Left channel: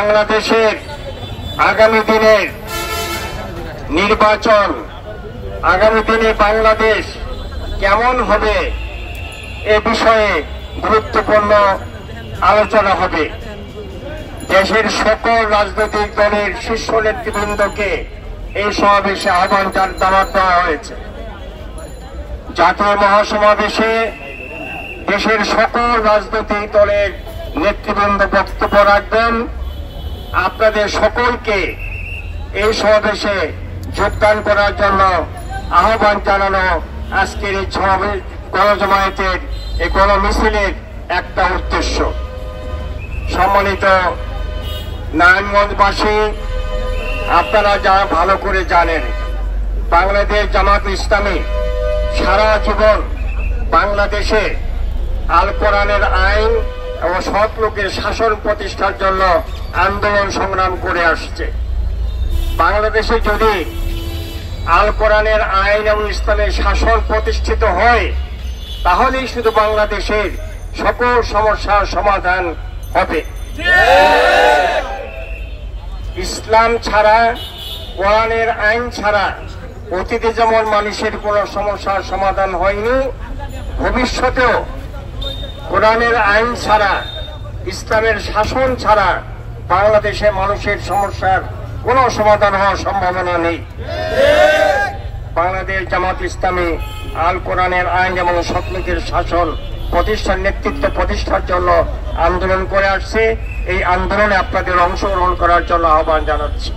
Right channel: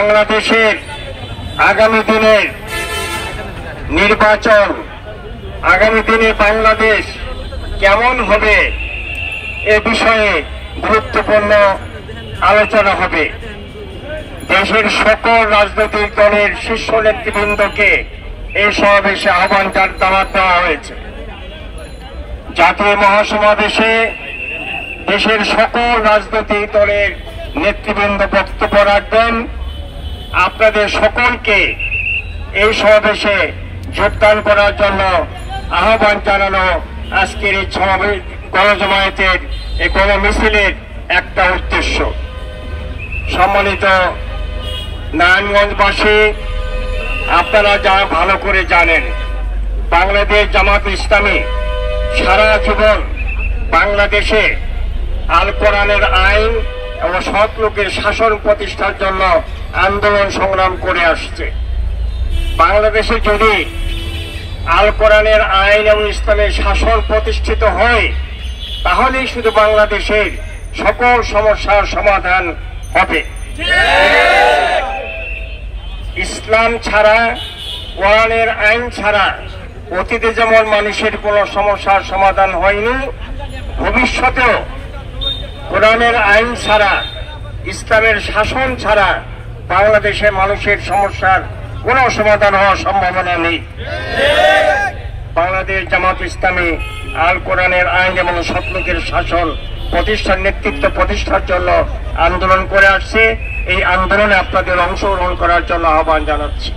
বাংলাদেশের আগামী দিনের নির্বাচন, আগামী দিনে বাংলাদেশ কেমন হবে এ বিষয়ে গুরুত্বপূর্ণ আলোচনা হবে। দেশের সকল রাজনৈতিক দলের শীর্ষ নেতৃবৃন্দকে এই সমাবেশে আহ্বান দেওয়া হয়েছে। জাতীয় মহাসমাবেশে দেশের সকল রাজনৈতিক দলের নেতৃবৃন্দ বক্তব্য রাখবেন। আপনাদের সকলকে এই সমাবেশে যোগদান করার জন্য আহ্বান জানানো আজকের এই গণজমায়েতের এই গণমিছিলের একটা উদ্দেশ্য। সম্মানিত নারায়ণগঞ্জবাসী, আপনারা যারা ভালো করে জানেন, বাংলাদেশ জামাত ইসলামী সারা জীবন বাংলাদেশে আল কোরআনের আইন এবং সৎ লোকের শাসন প্রতিষ্ঠার জন্য আন্দোলন সংগ্রাম করে আসছে। বাংলাদেশে যদি আল কোরআনের আইন এবং ইসলামের শাসন প্রতিষ্ঠিত হয়, তাহলেই শুধু বাংলাদেশের সকল সমস্যার সমাধান হবে। ইসলাম ছাড়া, কোরআনের আইন ছাড়া অতীতে যেমন মানুষের কোনো সমস্যার সমাধান হয়নি, ভবিষ্যতেও কোরআনের আইন ছাড়া, ইসলামের শাসন ছাড়া বাংলাদেশের মানুষের সমস্যার কোনো সমাধান হওয়ার সম্ভাবনা নেই। বাংলাদেশ জামাত ইসলামী আল কোরআনের আইন এবং সৎলোকের শাসন প্রতিষ্ঠার নেতৃত্ব প্রতিষ্ঠার জন্য আন্দোলন করে আসছে। এই আন্দোলনে আপনাদের অংশগ্রহণ করার জন্য আহ্বান জানাচ্ছি।